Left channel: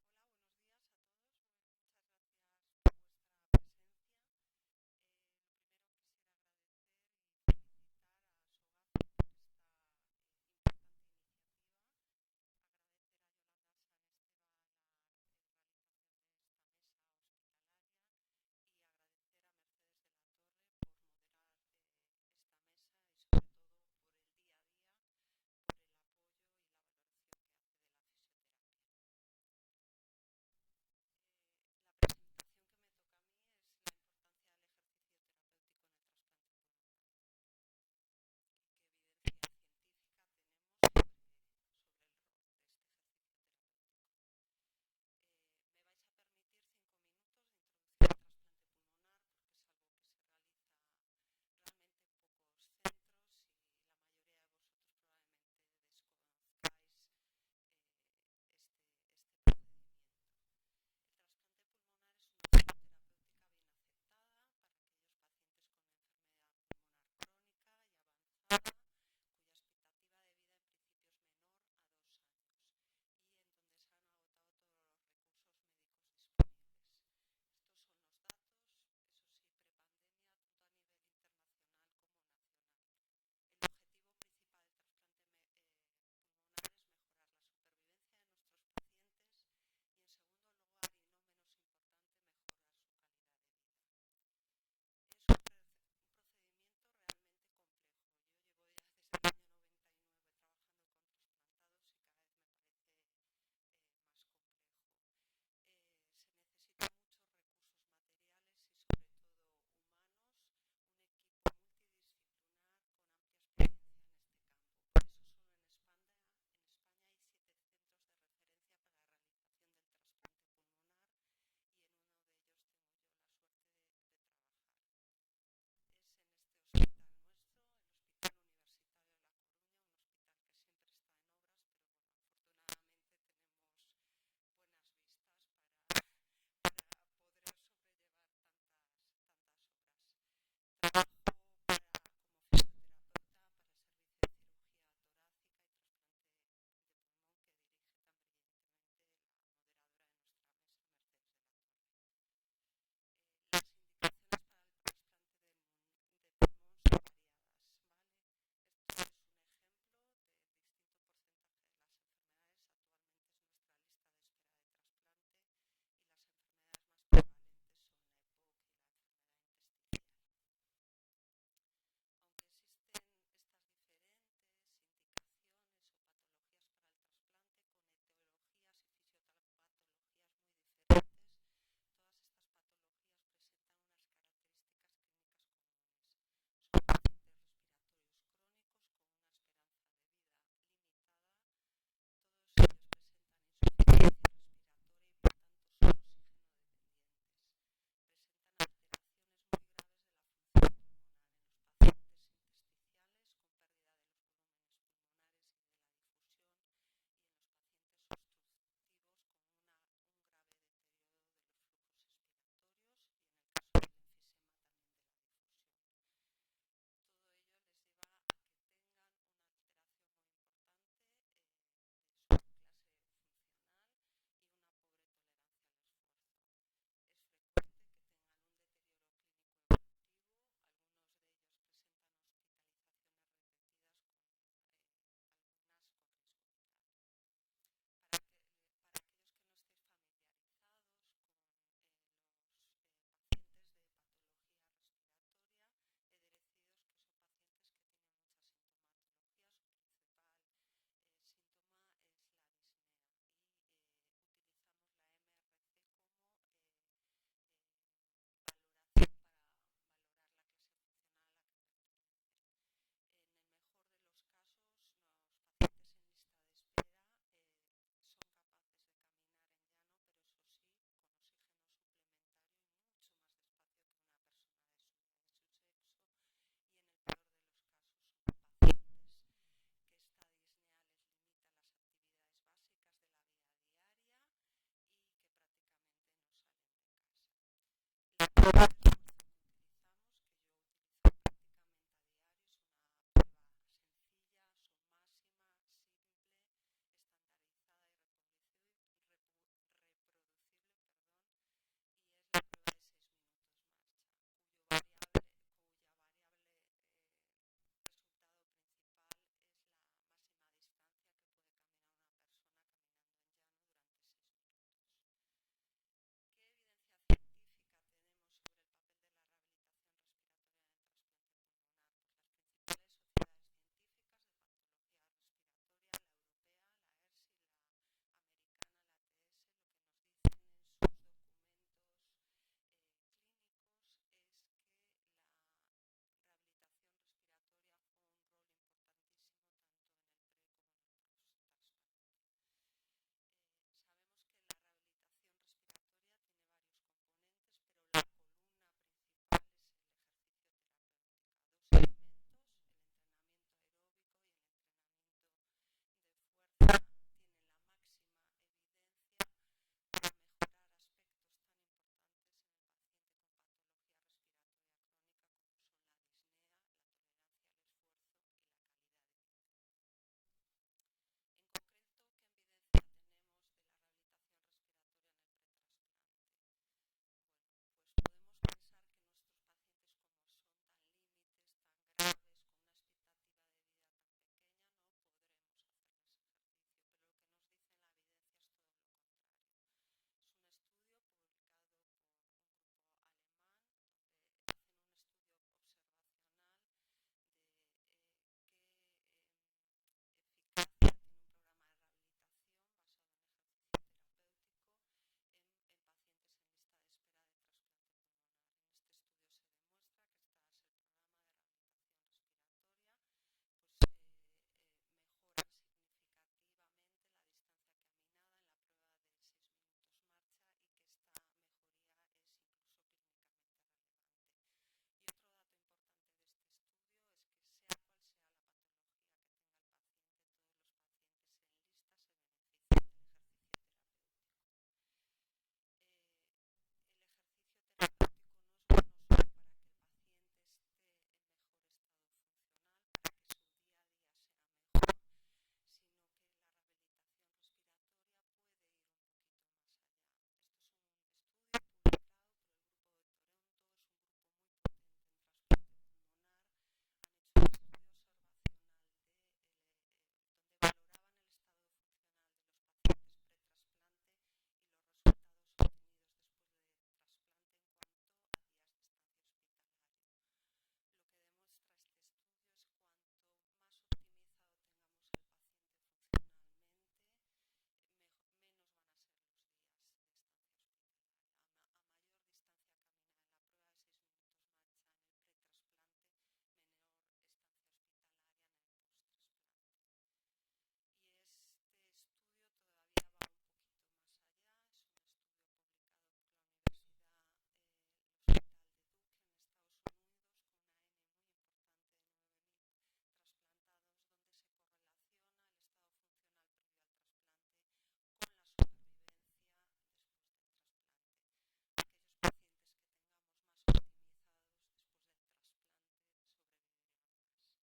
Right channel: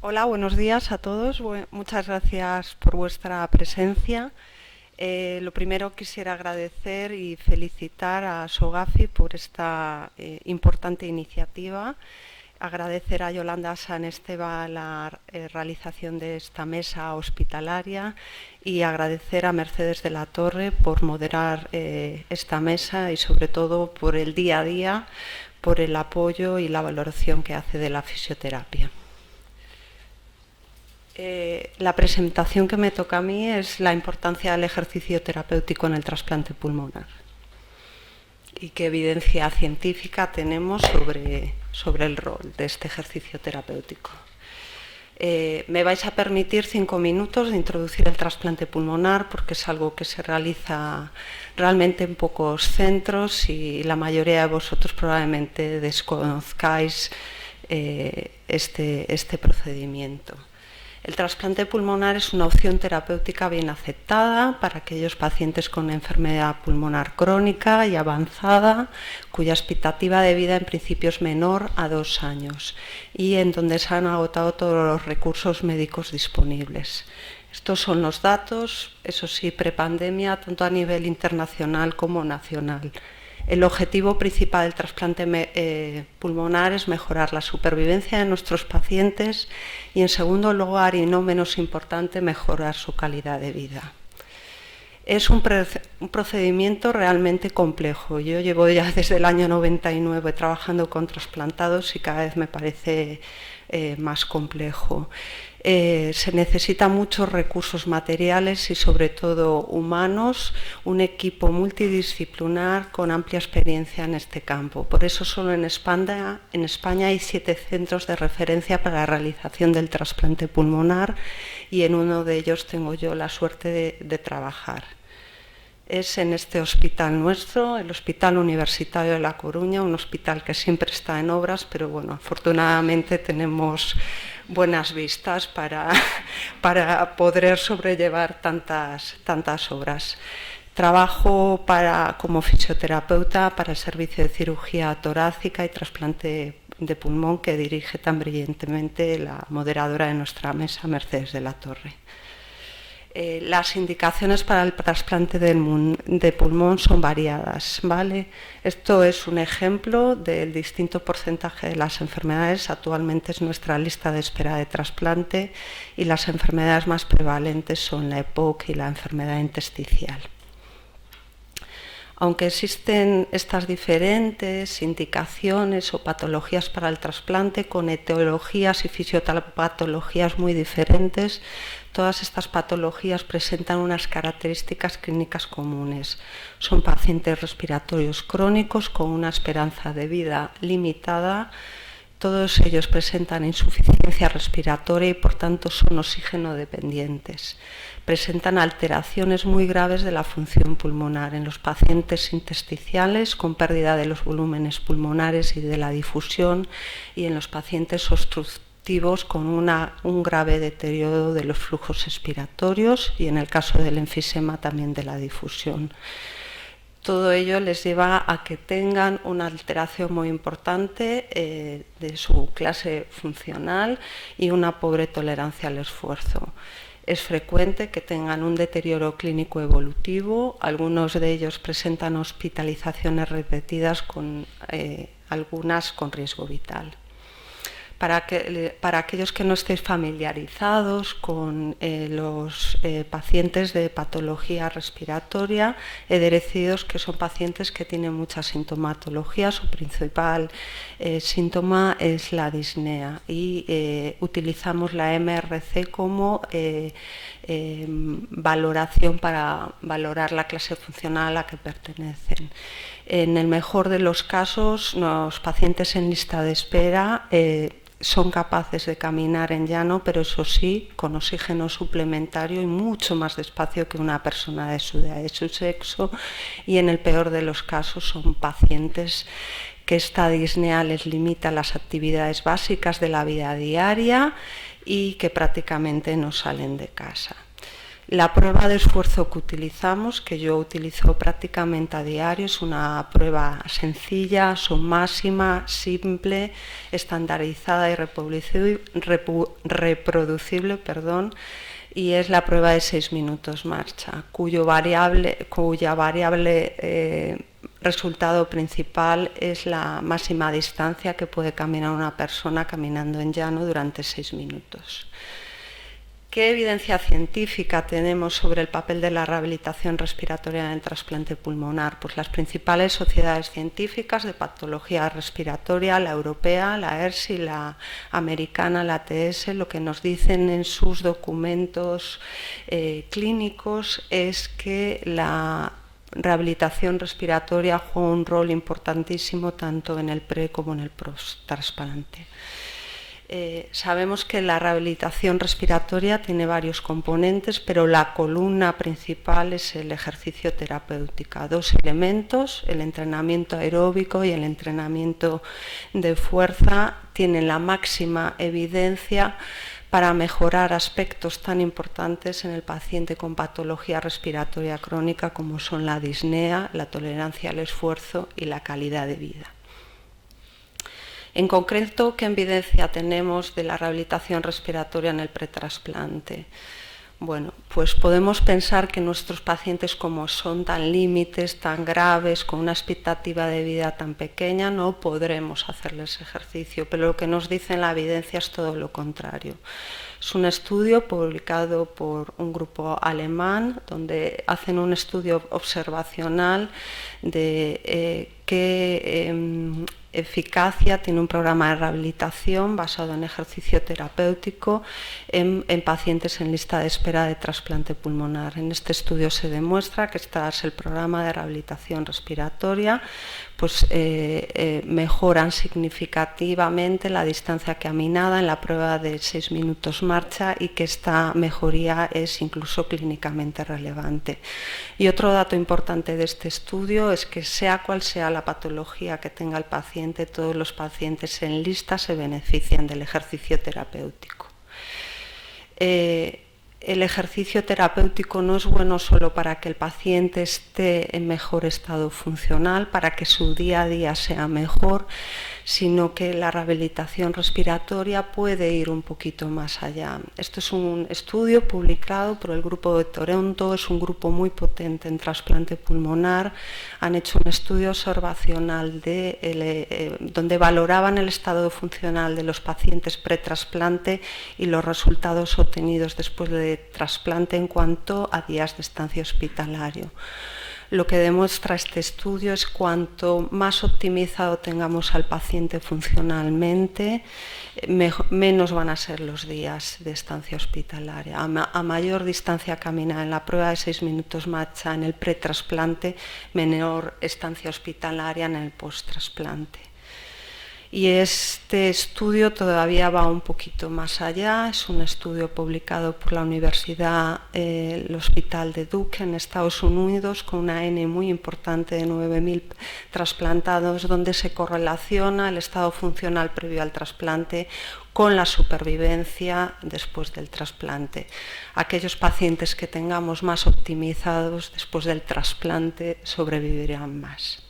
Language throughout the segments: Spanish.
Hola, buenos días a todos. Muchas gracias por vuestra presencia. Lo primero quisiera agradecer y felicitar a Sogafi por esta importante iniciativa. Agradecer a Yolanda San Esteban la realización de esta mesa hospitalaria y agradecer a Mercedes de la Torre por moderar esta mesa y sobre todo por el día a día, por el apoyo y la valoración que hace de la fisioterapia. La presentación que me toca a mí es la importancia del ejercicio terapéutico en el trasplante pulmonar y qué evidencia científica tenemos sobre el rol de este ejercicio terapéutico. Me vais a permitir 5 minutos de introducir el trasplante pulmonar porque es algo que se realiza realmente en pocos centros y la mayoría de vosotros probablemente desconozcáis este procedimiento. El trasplante pulmonar es una opción terapéutica bien aceptada para aquellos pacientes con enfermedad pulmonar crónica y avanzada, cuya expectativa de vida en principio es menor a 2 años y en donde se han agotado todos los recursos médicos disponibles. Estos son los datos, eso sí, prepandemia, tanto a nivel internacional como nacional. El objetivo principal del trasplante pulmonar es mejorar la supervivencia de nuestros pacientes y, en segundo lugar, y no menos importante, mejorar su calidad de vida. Es un procedimiento realmente complejo. Yo llevo ya desde el año 99 trabajando con trasplantados y cada vez me parece más complejo. Se necesitan muchos recursos materiales y sobre todo humanos, un equipo multidisciplinar con amplia experiencia en este campo. Por eso solo en España hay 7 centros de referencia para la realización del trasplante pulmonar y en uno de ellos tengo yo la suerte de trabajar. Es en este hospital nuestro, el Hospital Universitario de La Coruña, un hospital que siempre está en obras, pero bueno, afortunadamente tenemos buenas vistas para poder sobrellevar tantas obras. Trabajo como fisioterapeuta para el servicio de cirugía torácica y trasplante de pulmón que dirige tan brillantemente la moderadora de nuestra mesa, Mercedes de la Torre. Las indicaciones para el trasplante de pulmón son variadas, ¿vale? Esto es un ejemplo del distinto porcentaje de las enfermedades. Actualmente es nuestra lista de espera de trasplante y las enfermedades más prevalentes son la EPOC y la enfermedad intersticial. Aunque existen estas diferentes indicaciones o patologías para el trasplante con etiologías y fisiopatologías muy diferentes, todas estas patologías presentan unas características clínicas comunes. Son pacientes respiratorios crónicos con una esperanza de vida limitada. Todos ellos presentan insuficiencia respiratoria y por tanto son oxígeno dependientes. Presentan alteraciones muy graves de la función pulmonar en los pacientes intersticiales con pérdida de los volúmenes pulmonares y de la difusión y en los pacientes obstructivos con un grave deterioro de los flujos expiratorios y en el caso del enfisema también de la difusión. Todo ello les lleva a que tengan una alteración muy importante de su clase funcional y una pobre tolerancia al esfuerzo. Es frecuente que tengan un deterioro clínico evolutivo, algunos de ellos presentan hospitalizaciones repetidas, algunas con riesgo vital. Para aquellos que no estéis familiarizados con los pacientes de patología respiratoria, he de deciros que son pacientes que tienen mucha sintomatología. Su principal síntoma es la disnea y utilizamos la MRC como valoración para valorar la clase funcional a la que pertenecen. En el mejor de los casos, los pacientes en lista de espera son capaces de caminar en llano, pero eso sí, con oxígeno suplementario y mucho más despacio que una persona de su edad, de su sexo, y en el peor de los casos son pacientes que esta disnea les limita las actividades básicas de la vida diaria y que prácticamente no salen de casa. La prueba de esfuerzo que utilizamos, que yo utilizo prácticamente a diario, es una prueba sencilla, máxima, simple, estandarizada y reproducible, y es la prueba de 6 minutos marcha, cuya variable resultado principal es la máxima distancia que puede caminar una persona caminando en llano durante 6 minutos. ¿Qué evidencia científica tenemos sobre el papel de la rehabilitación respiratoria en el trasplante pulmonar? Pues las principales sociedades científicas de patología respiratoria, la europea, la ERSI, la americana, la ATS, lo que nos dicen en sus documentos clínicos es que la rehabilitación respiratoria juega un rol importantísimo tanto en el pre como en el post-trasplante. Sabemos que la rehabilitación respiratoria tiene varios componentes, pero la columna principal es el ejercicio terapéutico. 2 elementos, el entrenamiento aeróbico y el entrenamiento de fuerza, tienen la máxima evidencia para mejorar aspectos tan importantes en el paciente con patología respiratoria crónica como son la disnea, la tolerancia al esfuerzo y la calidad de vida. En concreto, ¿qué evidencia tenemos de la rehabilitación respiratoria en el pretrasplante? Bueno, pues podemos pensar que nuestros pacientes, como son tan límites, tan graves, con una expectativa de vida tan pequeña, no podremos hacerles ejercicio, pero lo que nos dice la evidencia es todo lo contrario. Es un estudio publicado por un grupo alemán, donde hacen un estudio observacional de qué eficacia tiene un programa de rehabilitación basado en ejercicio terapéutico en pacientes en lista de espera de trasplante pulmonar. En este estudio se demuestra que tras el programa de rehabilitación respiratoria pues mejoran significativamente la distancia caminada en la prueba de 6 minutos marcha y que esta mejoría es incluso clínicamente relevante. Y otro dato importante de este estudio es que sea cual sea la patología que tenga el paciente, todos los pacientes en lista se benefician del ejercicio terapéutico. El ejercicio terapéutico no es bueno solo para que el paciente esté en mejor estado funcional, para que su día a día sea mejor, sino que la rehabilitación respiratoria puede ir un poquito más allá. Esto es un estudio publicado por el Grupo de Toronto, es un grupo muy potente en trasplante pulmonar. Han hecho un estudio observacional donde valoraban el estado funcional de los pacientes pretrasplante y los resultados obtenidos después de trasplante en cuanto a días de estancia hospitalario. Lo que demuestra este estudio es cuanto más optimizado tengamos al paciente funcionalmente, menos van a ser los días de estancia hospitalaria. A mayor distancia caminada en la prueba de 6 minutos marcha en el pretrasplante, menor estancia hospitalaria en el posttrasplante. Y este estudio todavía va un poquito más allá, es un estudio publicado por la Universidad, el Hospital de Duke en Estados Unidos, con una N muy importante de 9.000 trasplantados, donde se correlaciona el estado funcional previo al trasplante con la supervivencia después del trasplante. Aquellos pacientes que tengamos más optimizados después del trasplante sobrevivirán más.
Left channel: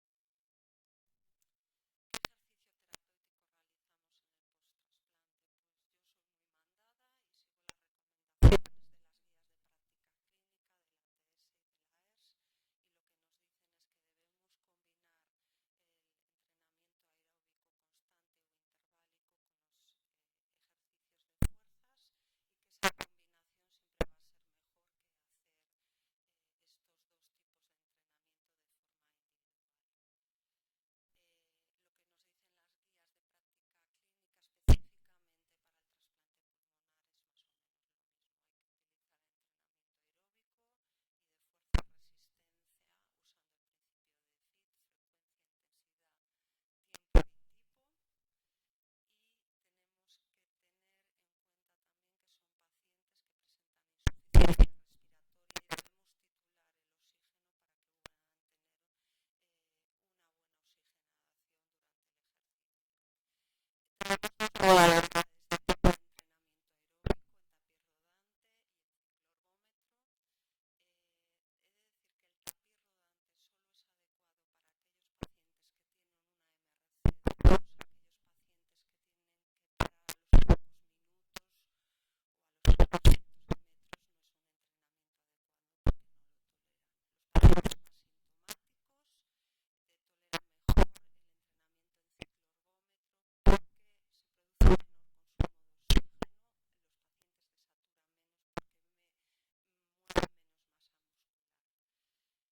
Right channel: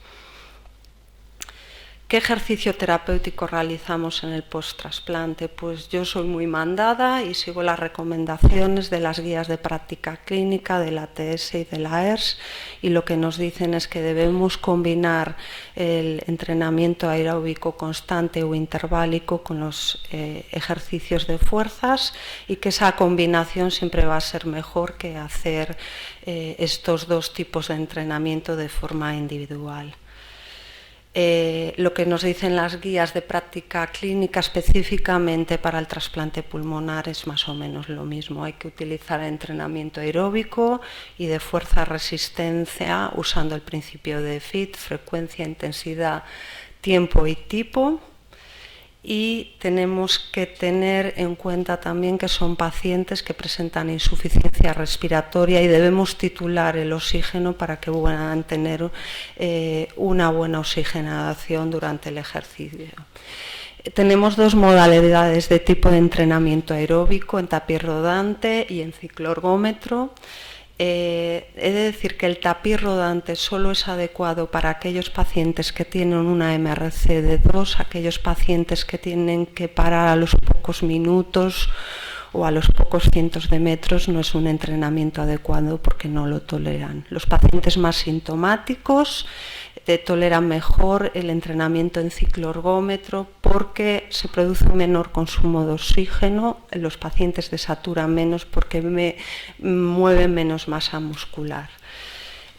¿Qué ejercicio terapéutico realizamos en el post-trasplante? Pues yo soy muy mandada y sigo las recomendaciones de las guías de práctica clínica de la ATS y de la ERS, y lo que nos dicen es que debemos combinar el entrenamiento aeróbico constante o interválico con los ejercicios de fuerzas, y que esa combinación siempre va a ser mejor que hacer estos dos tipos de entrenamiento de forma individual. Lo que nos dicen las guías de práctica clínica específicamente para el trasplante pulmonar es más o menos lo mismo. Hay que utilizar entrenamiento aeróbico y de fuerza-resistencia usando el principio de FIT, frecuencia, intensidad, tiempo y tipo. Y tenemos que tener en cuenta también que son pacientes que presentan insuficiencia respiratoria y debemos titular el oxígeno para que puedan tener una buena oxigenación durante el ejercicio. Tenemos dos modalidades de tipo de entrenamiento aeróbico, en tapiz rodante y en cicloergómetro. He de decir que el tapiz rodante solo es adecuado para aquellos pacientes que tienen una MRC de 2, aquellos pacientes que tienen que parar a los pocos minutos o a los pocos cientos de metros. No es un entrenamiento adecuado porque no lo toleran. Los pacientes más sintomáticos toleran mejor el entrenamiento en cicloergómetro porque se produce un menor consumo de oxígeno, los pacientes desaturan menos porque mueven menos masa muscular.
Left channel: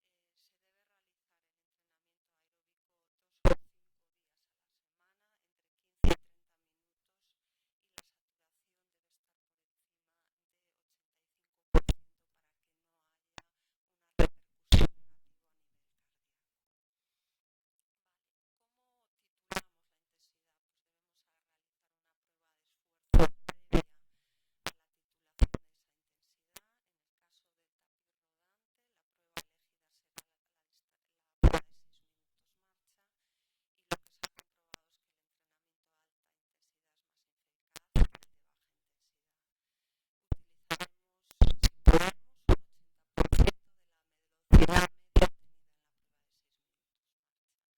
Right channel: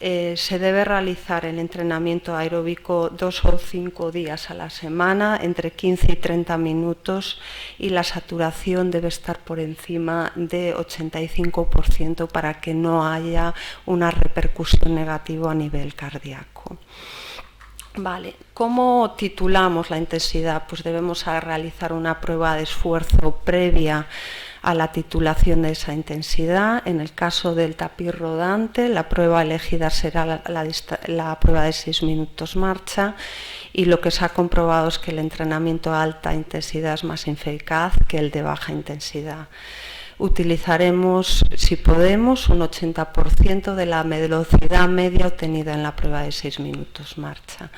Se debe realizar el entrenamiento aeróbico 2 o 5 días a la semana, entre 15 y 30 minutos, y la saturación debe estar por encima de 85% para que no haya una repercusión negativa a nivel cardíaco. Vale, ¿cómo titulamos la intensidad? Pues debemos realizar una prueba de esfuerzo previa a la titulación de esa intensidad. En el caso del tapiz rodante, la prueba elegida será la prueba de 6 minutos marcha, y lo que se ha comprobado es que el entrenamiento a alta intensidad es más eficaz que el de baja intensidad. Utilizaremos, si podemos, un 80% de la velocidad media obtenida en la prueba de 6 minutos marcha.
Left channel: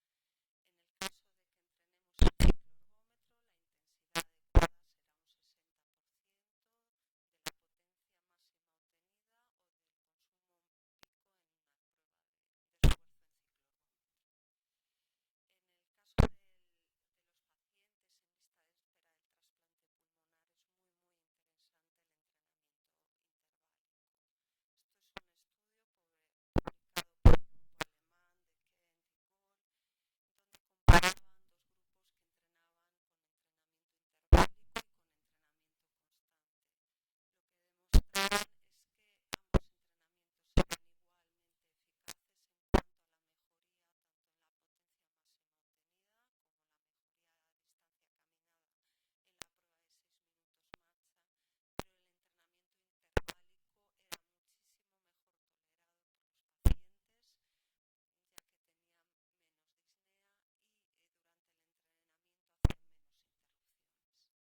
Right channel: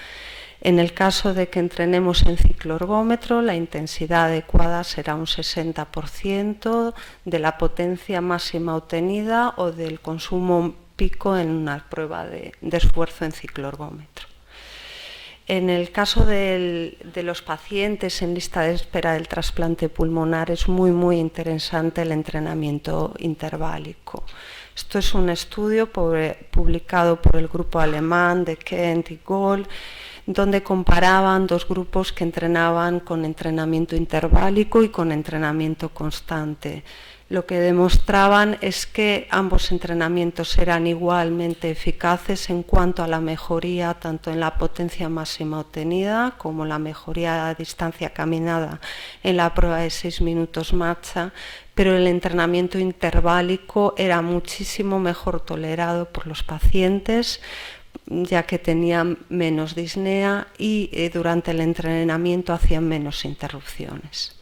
En el caso de que entrenemos en cicloergómetro, la intensidad adecuada será un 60% de la potencia máxima obtenida o del consumo pico en una prueba de esfuerzo en cicloergómetro. En el caso de los pacientes en lista de espera del trasplante pulmonar es muy interesante el entrenamiento interválico. Esto es un estudio publicado por el grupo alemán de Kent y Gold, donde comparaban dos grupos que entrenaban con entrenamiento interválico y con entrenamiento constante. Lo que demostraban es que ambos entrenamientos eran igualmente eficaces en cuanto a la mejoría tanto en la potencia máxima obtenida como la mejoría a distancia caminada en la prueba de 6 minutos marcha, pero el entrenamiento interválico era muchísimo mejor tolerado por los pacientes, ya que tenían menos disnea y durante el entrenamiento hacían menos interrupciones.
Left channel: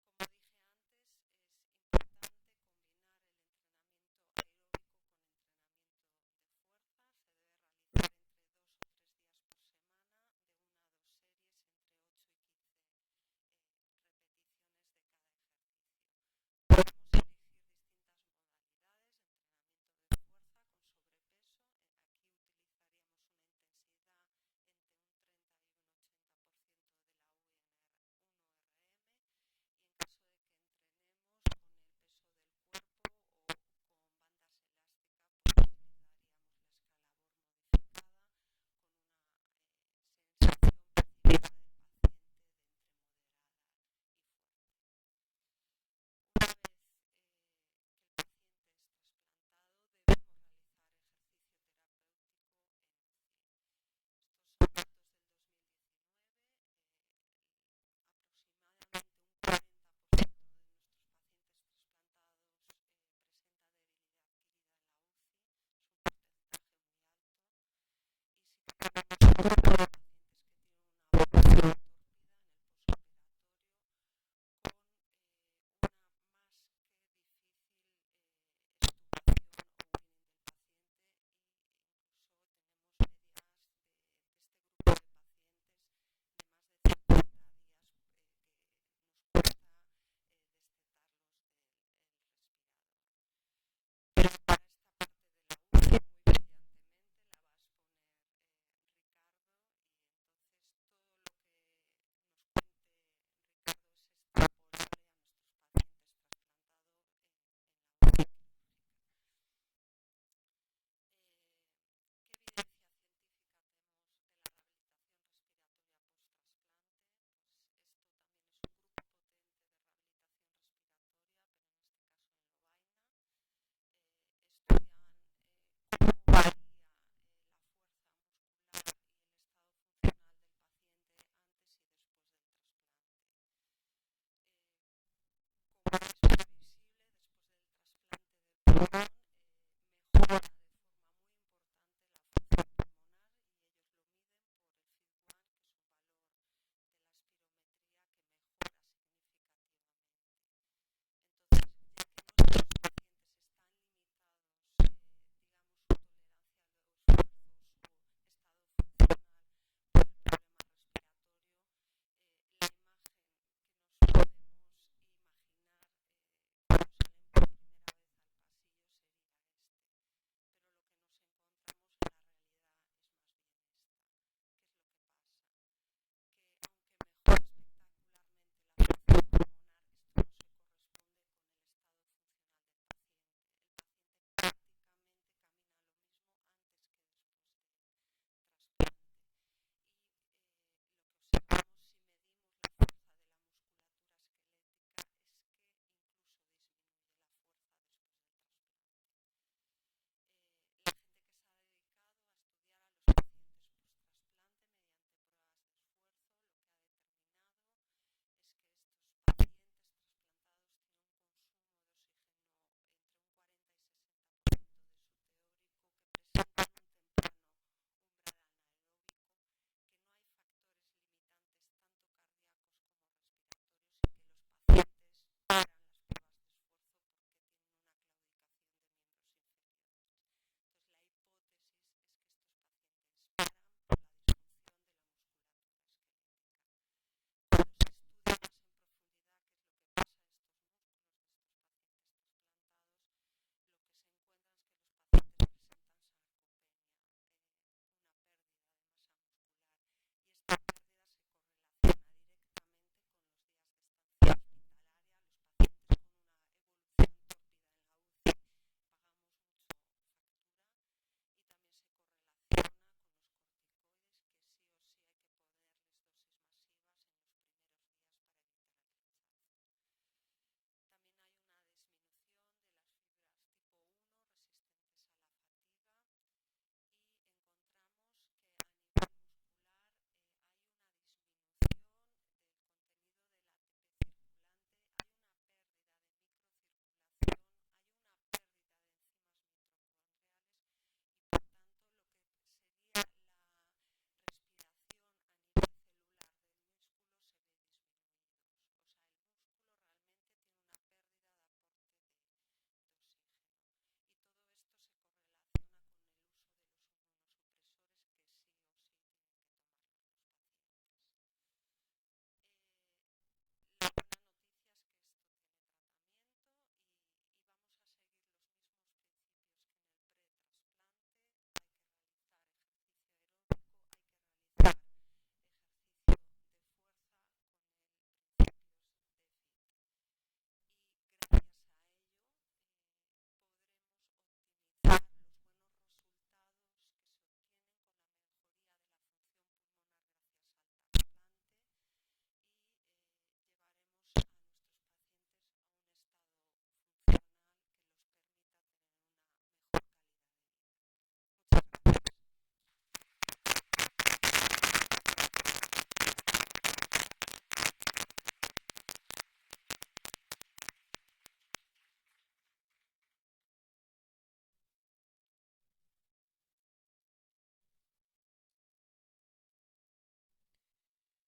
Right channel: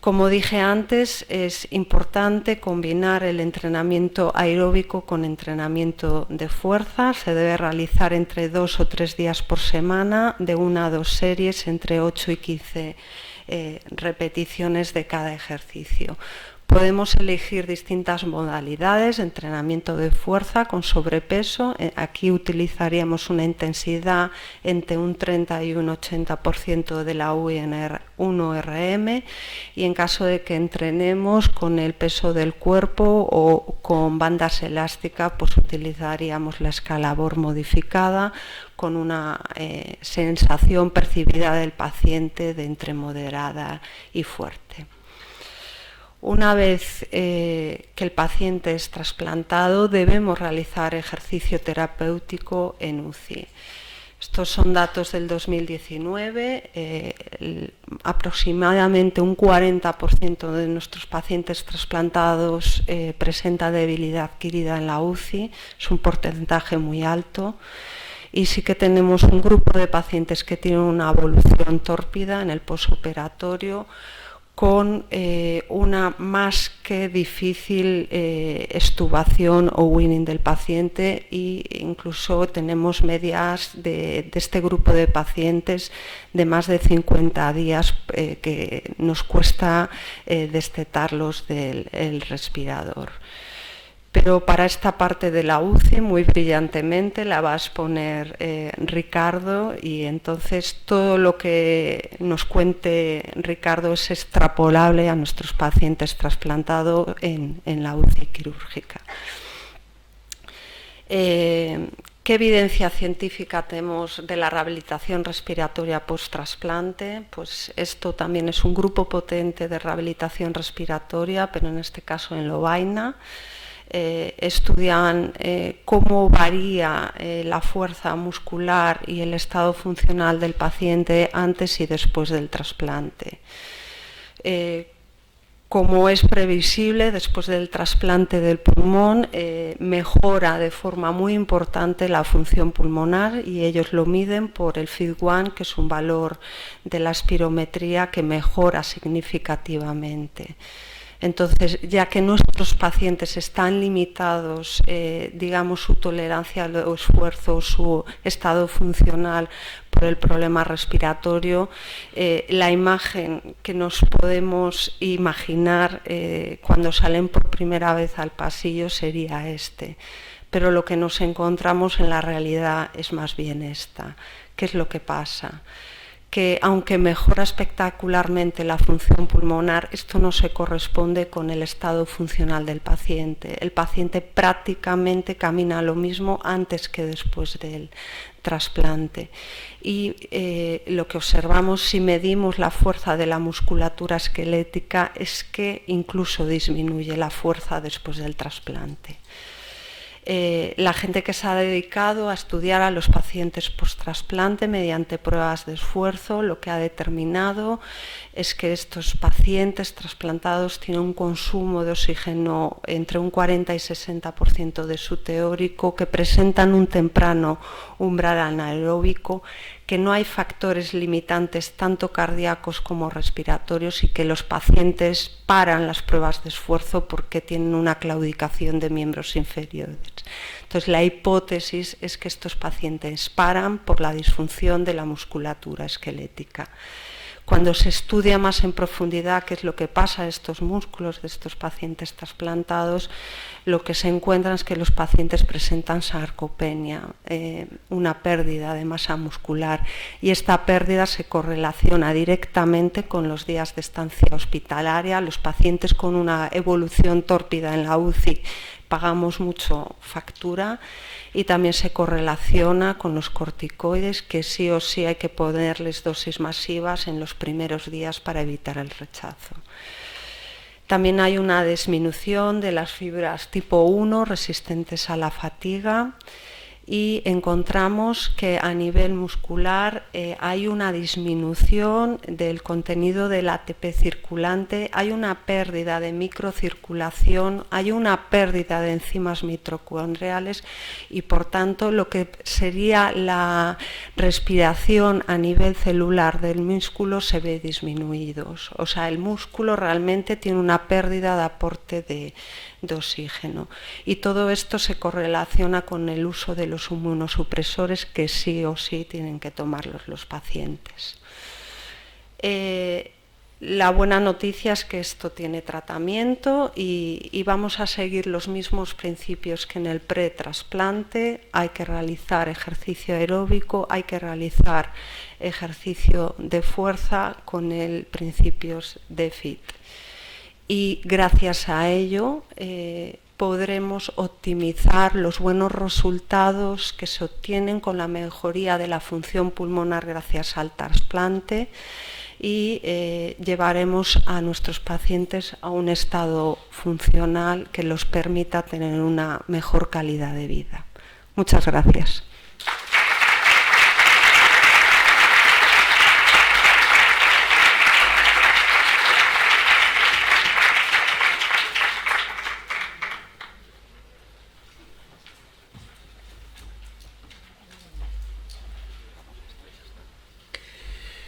Como dije antes, es importante combinar el entrenamiento aeróbico con entrenamiento de fuerza. Se debe realizar entre 2 o 3 días por semana, de 1 a 2 series, entre 8 y 15 repeticiones de cada ejercicio. Podemos elegir distintas modalidades de entrenamiento de fuerza con sobrepeso. Aquí utilizaríamos una intensidad entre un 30 y un 80% de la U1RM, y en caso de que entrenemos con el peso del cuerpo o con bandas elásticas, pues utilizaríamos la escala Born modificada con una sensación percibida del paciente de entre moderada y fuerte. Una vez que el paciente es trasplantado, debemos realizar ejercicio terapéutico en UCI. Estos son datos del 2019. Aproximadamente un 40% de nuestros pacientes trasplantados presenta debilidad adquirida en la UCI. Es un porcentaje muy alto. Y sí que tenemos un grupo de pacientes que tienen una evolución tórpida en el posoperatorio, con una más que difícil extubación o weaning del paciente, e incluso tenemos medias de este grupo de pacientes de más de 50 días que nos cuesta destetarlos del respirador. Pero para esta parte de la UCI, muy brillantemente, la va a exponer Ricardo, y entonces todo lo que nos cuente Ricardo es extrapolable a nuestros pacientes trasplantados en la UCI quirúrgica. ¿Qué evidencia científica tenemos de la rehabilitación respiratoria post-trasplante? Pues esto también es un grupo potente de rehabilitación respiratoria, pero en este caso en Lovaina. Estudian cómo varía la fuerza muscular y el estado funcional del paciente antes y después del trasplante. como es previsible, después del trasplante del pulmón, mejora de forma muy importante la función pulmonar, y ellos lo miden por el FIT-1, que es un valor de la espirometría que mejora significativamente. Entonces, ya que nuestros pacientes están limitados, digamos, su tolerancia al esfuerzo, su estado funcional por el problema respiratorio, la imagen que nos podemos imaginar cuando salen por primera vez al pasillo sería este. Pero lo que nos encontramos en la realidad es más bien esta. ¿Qué es lo que pasa? Que aunque mejora espectacularmente la función pulmonar, esto no se corresponde con el estado funcional del paciente. El paciente prácticamente camina lo mismo antes que después del trasplante. Y lo que observamos si medimos la fuerza de la musculatura esquelética es que incluso disminuye la fuerza después del trasplante. La gente que se ha dedicado a estudiar a los pacientes post-trasplante mediante pruebas de esfuerzo, lo que ha determinado es que estos pacientes trasplantados tienen un consumo de oxígeno entre un 40 y 60% de su teórico, que presentan un temprano umbral anaeróbico, que no hay factores limitantes tanto cardíacos como respiratorios y que los pacientes paran las pruebas de esfuerzo porque tienen una claudicación de miembros inferiores. Entonces, la hipótesis es que estos pacientes paran por la disfunción de la musculatura esquelética. Cuando se estudia más en profundidad qué es lo que pasa a estos músculos de estos pacientes trasplantados, lo que se encuentra es que los pacientes presentan sarcopenia, una pérdida de masa muscular, y esta pérdida se correlaciona directamente con los días de estancia hospitalaria. Los pacientes con una evolución tórpida en la UCI pagamos mucho factura, y también se correlaciona con los corticoides, que sí o sí hay que ponerles dosis masivas en los primeros días para evitar el rechazo. También hay una disminución de las fibras tipo 1 resistentes a la fatiga, y encontramos que a nivel muscular hay una disminución del contenido del ATP circulante, hay una pérdida de microcirculación, hay una pérdida de enzimas mitocondriales, y por tanto lo que sería la respiración a nivel celular del músculo se ve disminuido. O sea, el músculo realmente tiene una pérdida de aporte de oxígeno, y todo esto se correlaciona con el uso de los inmunosupresores que sí o sí tienen que tomarlos los pacientes. La buena noticia es que esto tiene tratamiento y vamos a seguir los mismos principios que en el pretrasplante. Hay que realizar ejercicio aeróbico, hay que realizar ejercicio de fuerza con el principios de FIT. Y gracias a ello podremos optimizar los buenos resultados que se obtienen con la mejoría de la función pulmonar gracias al trasplante, y llevaremos a nuestros pacientes a un estado funcional que los permita tener una mejor calidad de vida. Muchas gracias.